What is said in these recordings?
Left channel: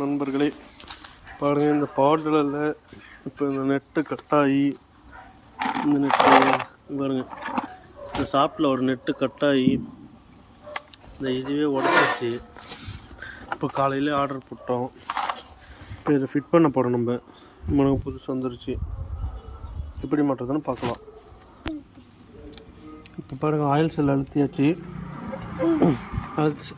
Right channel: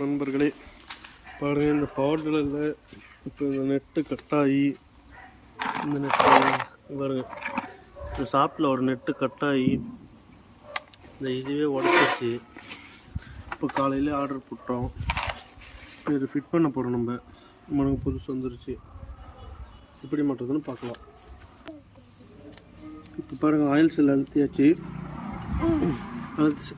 நண்பர்களே, பாருங்கள் இந்த பாடலில் இப்போ இந்த நெட்டு கட்டாகி இந்த நெட்டு பாருங்கள், இந்த ஷாப்பில் ஒரு நெட்டு கட்டாகி இந்த இதுவே உடச்சிருச்சு. இப்போ காலையில் ஆர்டர் போட்டோம். இப்போ இதை ஃபிட் பண்ண போகிறோம். நமக்கு புதுசு வந்துருச்சு. எப்படி மாட்டுறதுன்னு பார்க்கலாம். இப்போ பாருங்கள், ஆயில் செல் அழுத்தியாச்சு. அழுத்து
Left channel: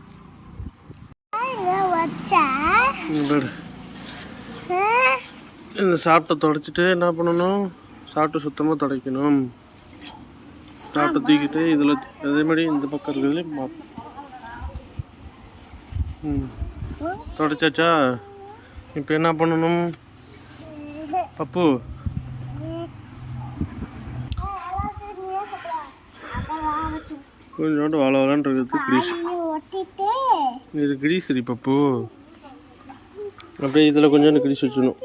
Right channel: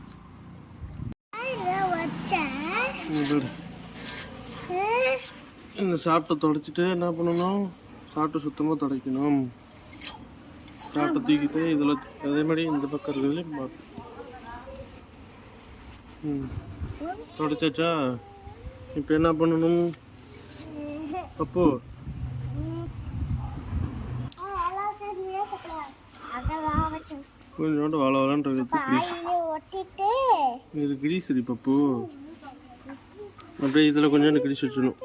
இந்த சாப்பிட்ட துடைச்சிட்டு என்ன பண்ணணும், சாப்பிட்டு சுத்தமாக துடைக்கணும். சாப்பிட்டு தூக்கிட்டு இதில் அதே மாதிரி இந்த பக்கம் இருக்கிறதுலையும் மாற்றணும். துடைச்சாச்சா? இப்போ என்ன பண்ணணும் பப்பு? கொஞ்சோண்டு வாழலான் இருக்கிறது கிரீஸ். இது கிரீஸ் சரி பப்பு. அப்படியே இதில் கொஞ்சோண்டு கிரீஸ் வச்சுக்கணும்.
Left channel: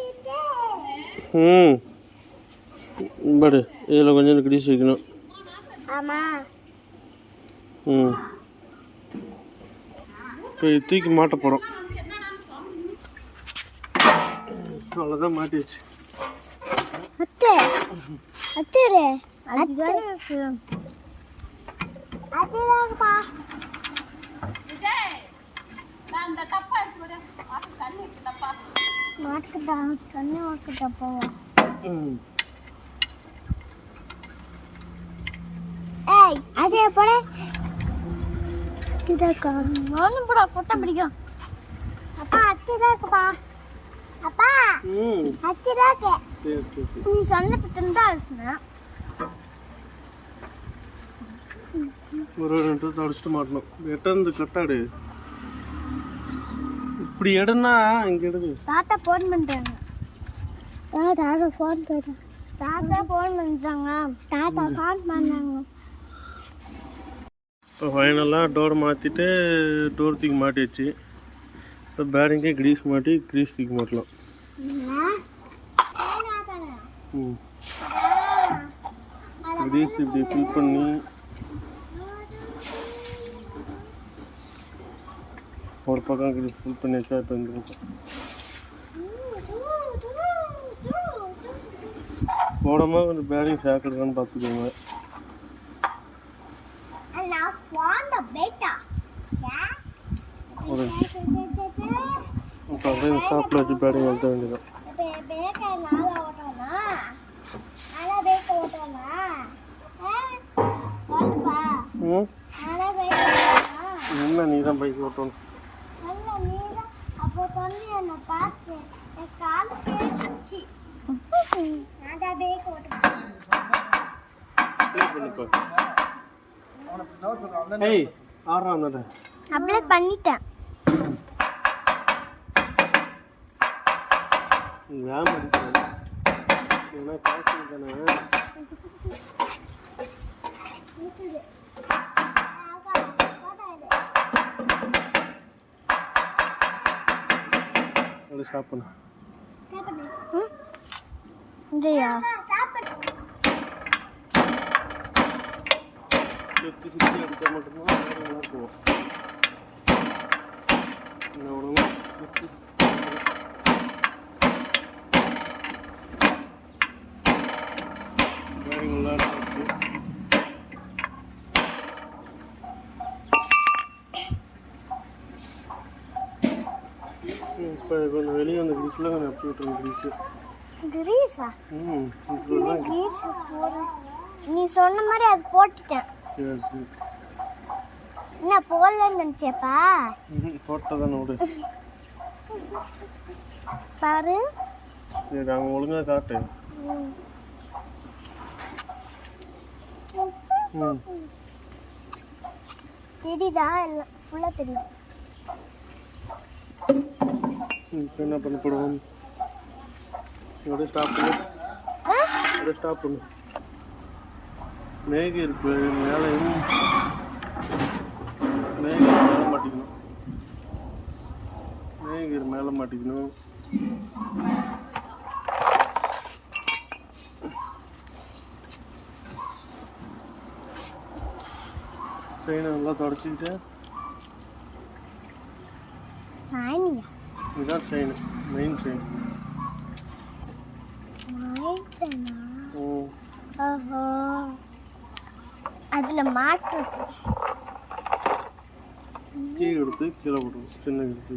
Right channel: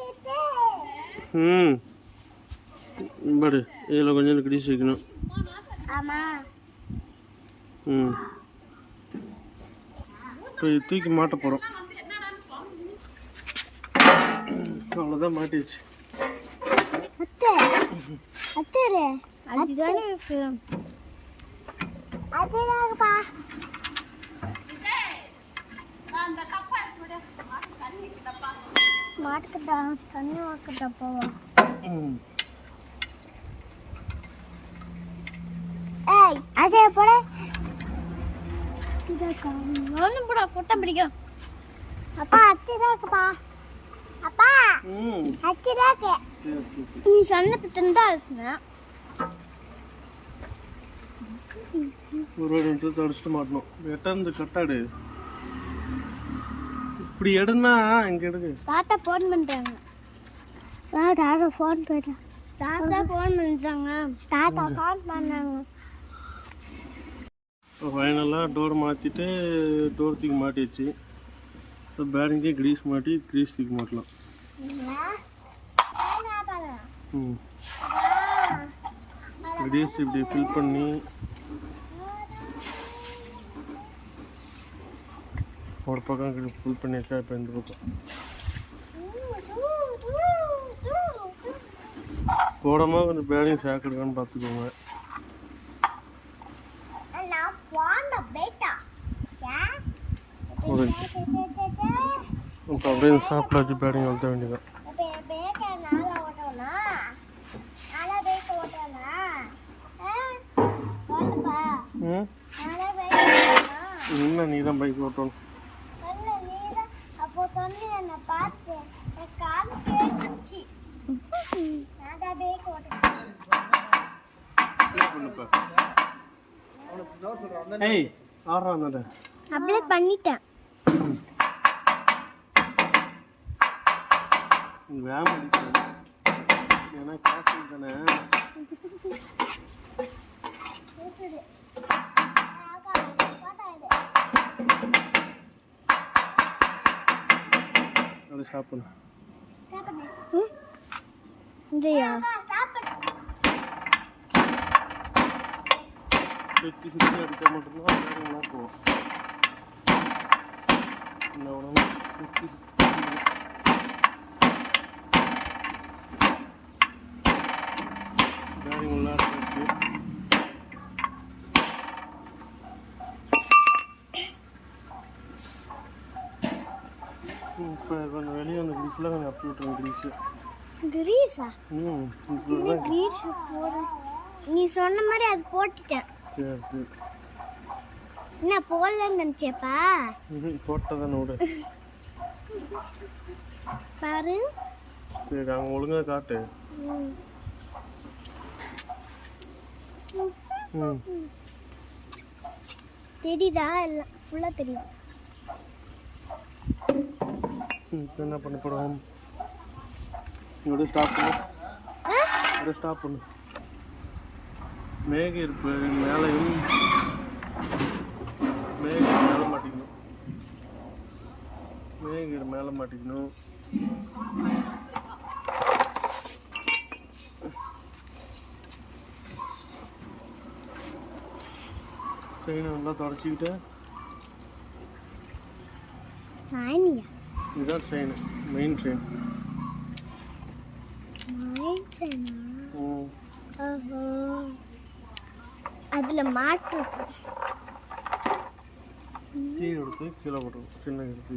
பாரு, இதில் கொஞ்சோண்டு கிரீஸ் வைக்கணும். இப்போ தூக்கி மாட்ட போகிறோம். அவ்வளோதான், மாட்டிடுச்சு. அதே போல போட்டோ பிடிக்கும். அப்பா அத்திதான் இருக்குப்பா. அப்பா அத்திதான் இருக்கு. நீ சொன்ன பட்டம் தான் இருக்குங்க. ஒரு ரெண்டு தொடச்சிட்டு மாட்டணும். எட்டந்து கட்டாடு இப்படி எடுனா இங்க எடுங்க. தாத்தா ஃபோன் பண்றாங்க. தாத்தா ஃபோன் பண்றாங்க. தாத்தா ஃபோன் பண்ணாங்க. இப்போ ஃபைனலாக டோர் மாற்றிட்டு டோர் தூக்கி மாட்டிடுச்சு. இப்போ பேரிங்கே கிரீஸ் மாட்டி கிரீஸ் தூக்கி மாட்டலாம். கிரீஸ் இப்படி ஃபில் பண்ணி ஒரு பக்கம் கிரீஸ் ஃபில் பண்ணி வச்சா இப்போ இந்த பக்கம் போடாமல் கொஞ்சம் பேரிங் சேர்க்கணுன்னு பார்த்துக்கோங்க. இப்போ அப்படியே ஷாப்பில் வச்சு பேரிங் வளர்த்த வேண்டியது. என்ன நீ தான் பைக் ஓட்டணும். அப்ளை பண்ணிட்டேன். மேம் அடிக்கிறேன் ஏன்னா காசு தானே. அதை ஸ்டாப் பண்ணு. இதையா சுற்றி சுற்றி எடுக்க மட்டும்தான் நல்லா இருக்கும். இந்த உடனே சுற்றி இப்போ கொஞ்சம் வெளியே அந்த கிரீஸில் கொஞ்சம் அப்படி விட்டுருங்க. கிரீஸா? கிரீஸ் போடுறேன். நீ சொன்ன மாதிரி அது போட்டுட்டேன். சரி சரி. என்ன போடலன்னு நினச்சேப்பா? போட்டதான் விடு. பாரு. சரி, அவங்க ஒழுங்காக காட்டு. தெரியுதா? எல்லாம் ஃபுல்லாக தெரியுது. இப்போ என்ன பண்ண போகிறோம்? இவ்வளோ ஸ்டாப் பண்ணு. இவ்வளோ ஸ்டாப் பண்ணு. மேக இருக்கு மேலையும் மேலே மாட்டிக்கணும். மேலே மாட்டிக்கணும். செயினை நல்லா தொடச்சிக்கிட்டு சாணியா இதுதான் செயின், மெயின் செயின். ஓஹோ, அதில் மாட்டு கீ எடுத்து கீழே போட்டுரும், சின்ன எடுத்து.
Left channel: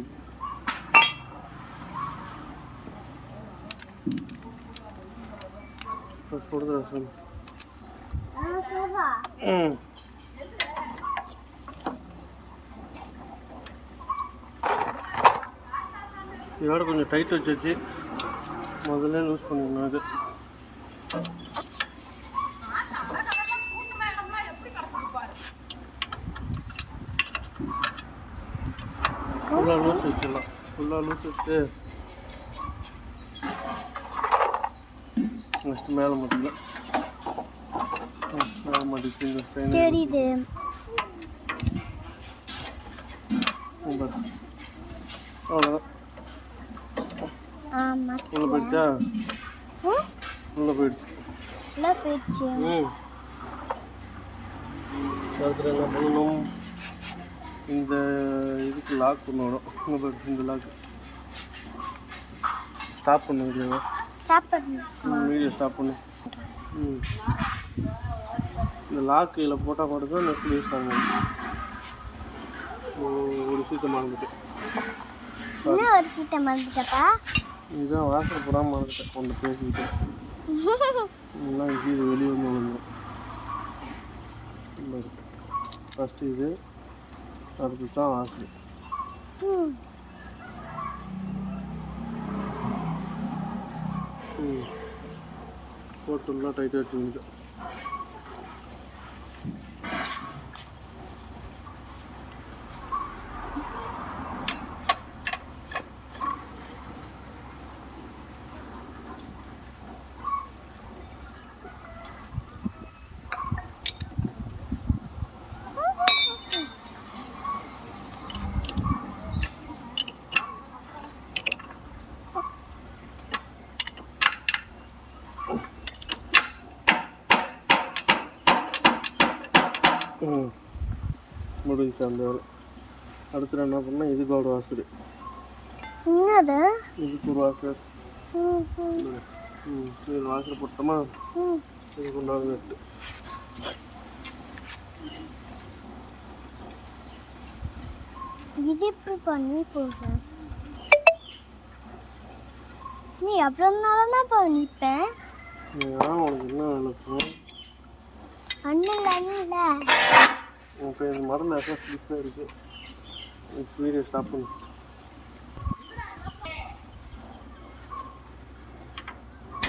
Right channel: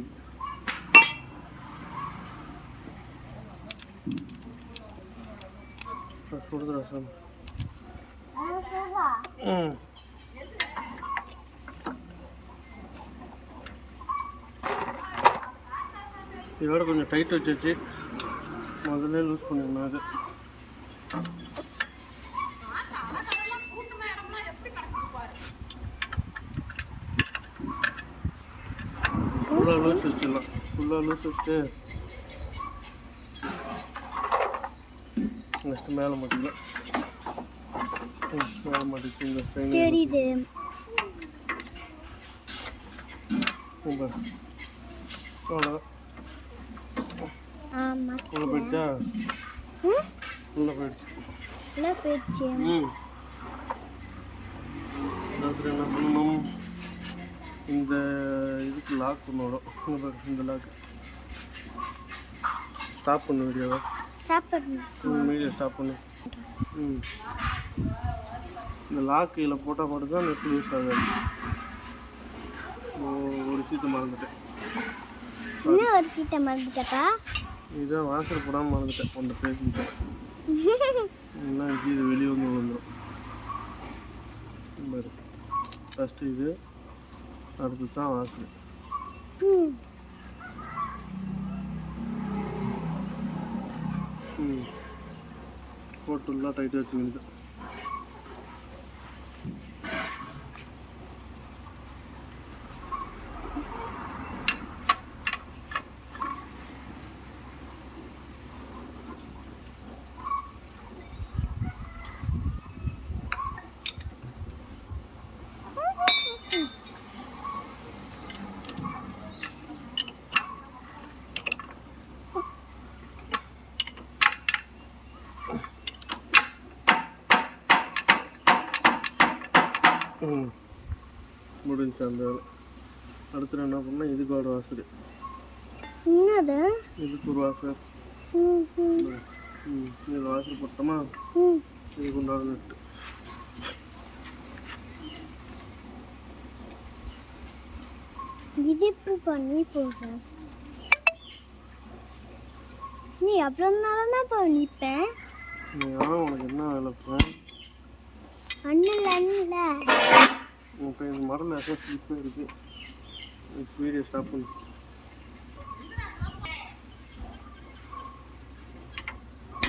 கொடுத்துடா சார். இதோட கொஞ்சம் டைட் வச்சு முதல்ல லூஸ் பண்ணிடணும். அது ஃபுல்லாக லூஸ் வச்சிடலாம். ஃபுல்லாக லூஸ் வச்சுட்டு நெக்ஸ்ட்டு மேலே மாட்டிக்கலாம். மேலே மாட்டிச்சு இந்த ஸ்டைன் தெரியுது. அவ்வளோதான். ஆமாம், உள்ளே போயிடுச்சா? உள்ளே போயிடுச்சு. போயிடுச்சு. அடுத்து என்ன பண்ணணும், இந்த இதுக்கு லாக் பண்ணணும். இந்த லாக் ஸ்டாப் பண்ண வீடியோவை வீடியோ ஸ்டாப் பண்ணு. இந்த லாக் இதில் போட்டால் மட்டும்தான் நெட் யூஸ் ஆகாது. ஒரு விஷயத்தை மறந்துட்டேன். ஒரு சீட்டை மறந்துட்டப்பா. இதுதான் வாசல் போடாமல் மறந்துட்டேன். ஒன்று பேசிக்கிட்டேன். இன்னும் இது வெளியே வந்து விழுந்துடும். ஃபஸ்ட்டு இது, அடுத்து தான் வாசல். போட்டுலாம் டைட்டாக வச்சுக்கிட்டு முடிஞ்சு அந்த வேலை. அடுத்து என்ன பண்ணால் இதுக்கு ஒரு வாசல். இதுக்கு ஒரு வாசல். இது வாசல் போட்டோமா, இதுக்கு உண்டான நட்டு. இது எப்படி பண்ணி போடுற நீ? அப்புறம் தான் பண்ணிப்பேன். உனக்கு என்ன வேலை அண்ணன் இப்போ இந்த மரம் நிறைய ஸ்லிப்பாக இருக்குது. வீடியோ ஸ்டாப் பண்ணு.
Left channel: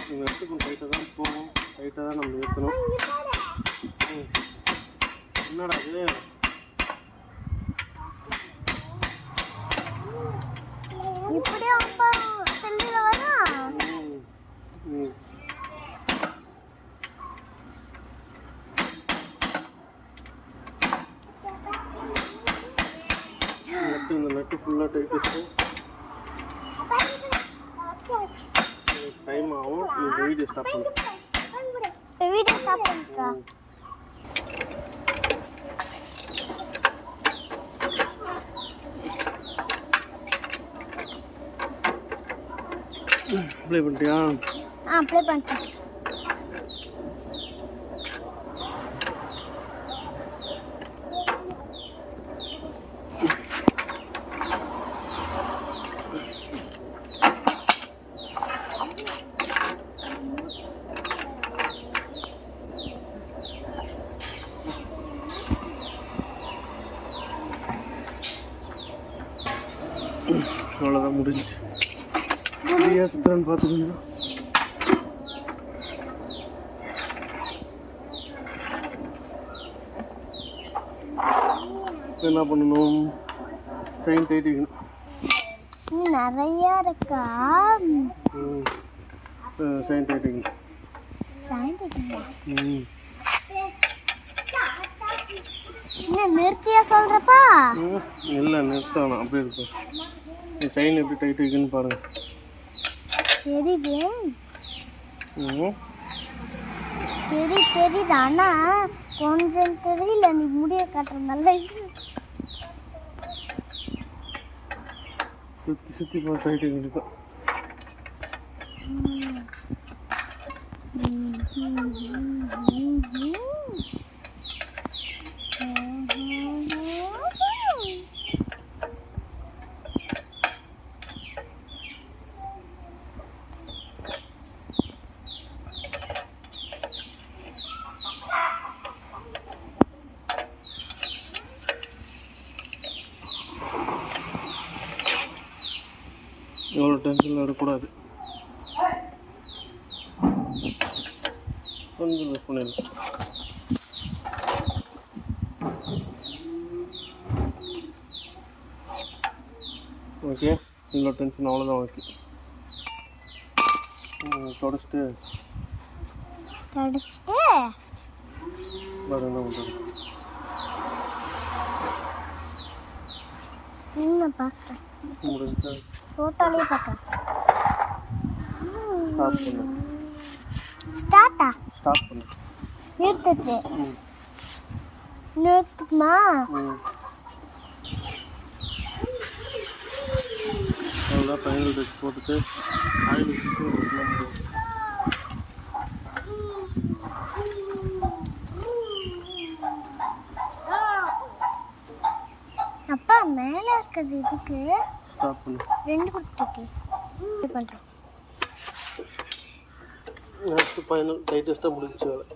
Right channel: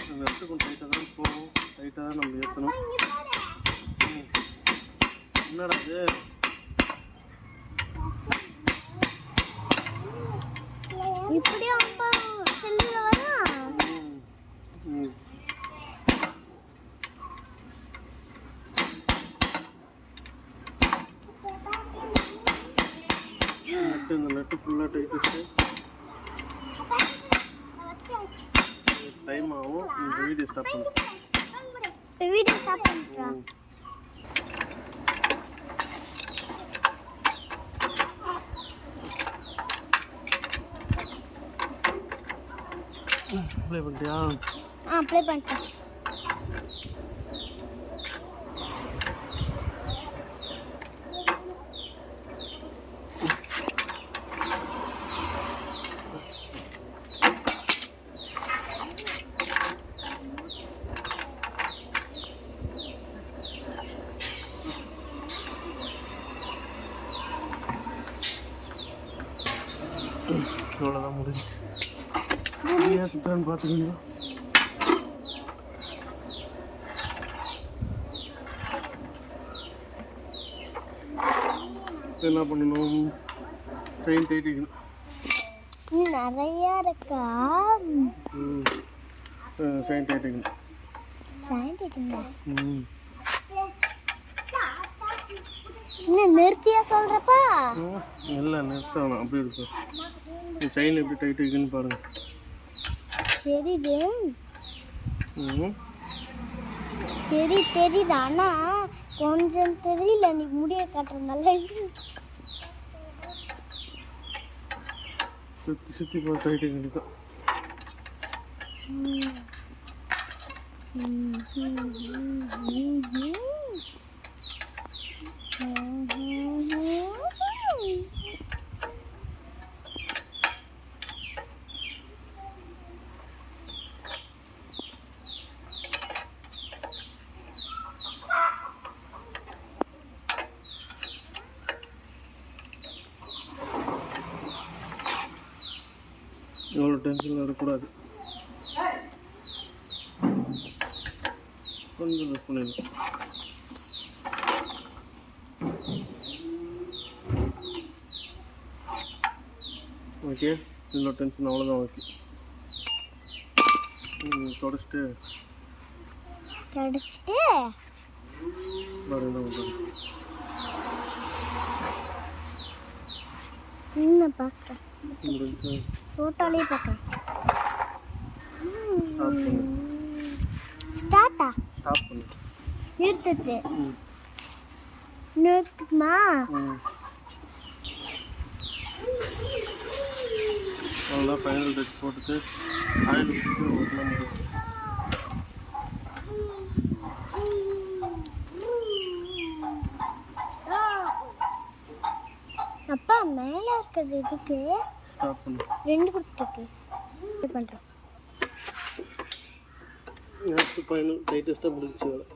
இந்த இடத்துக்கு கொஞ்சம் டைட்டாக தான் போகும். டைட்டாக தான் நம்ம ஏற்றணும். என்னடா அது? இப்படியே அப்பா சொல்லில வரா. இந்த நட்டு ஃபுல்லாக டைட் வச்சு டைம் ஆகும். இந்த வீடியோ ஸ்டாப் பண்ணு. வீடியோ ஸ்டாப் பண்ணிட்டா. ப்ளே பண்ணிட்டியா? ப்ளே பண்ணிட்டேன். அவ்வளோதான், முடிஞ்சிச்சு. ஃப்ரீயாக சுற்றுறான்னு பார்த்துக்கோங்க. என்ன பண்ணணும், ட்ரெயின் டைட்டிக்கணும். நிறையா இருக்கா? ட்ரெயின் டைட்டிக்கணும். இன்னும் நிறுத்தியா சொல்கிறப்பா? இல்லை, நிறுத்தணும். அப்படியே இருக்கும். செயின் எப்படி டைட் இருக்குன்னு பாருங்க. தெரியுது தெரியுது, ஆனால் கொஞ்சம் தெரியல. நீ முடிய காட்டுறதுனால சுற்றி சுற்றி பார்த்தாயிட்டு இருக்கா. எவ்வளோ டென்ஷனில் இருக்கக்கூடாது. கொஞ்சம் யூஸ் பண்ணிடலாம். ஓகே, இவ்வளோ டென்ஷன் அவ்வளோதான். ஓகே, தொடச்சிட்டு வேறு என்ன பண்ணுறது? முடிஞ்சா ஃபோட்டோலேயே பார்த்தேன். ஸ்டாப் பண்ணு. ஸ்டார்ட்டா? ஸ்டாப் பண்ணு. நிறுத்துது. நிறுத்துமா? அவ்வளோ ஃபைனல் டச் போட்டுட்டு ஆயில் ஊற்றி ஒட்டலாம் முடியும். அப்பா மேலே இருக்கிறது இதுக்கு ஸ்டாப் பண்ணு. 2 கொடுத்துருக்கு. இது பண்ணுறேன். நெக்ஸ்ட் ஃபைனல் டைட்டஸ்ட்டாக முடிஞ்சிச்சு வேலை.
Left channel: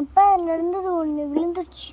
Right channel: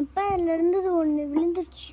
அப்பா அதில் இருந்தது ஒன்று விழுந்துருச்சு.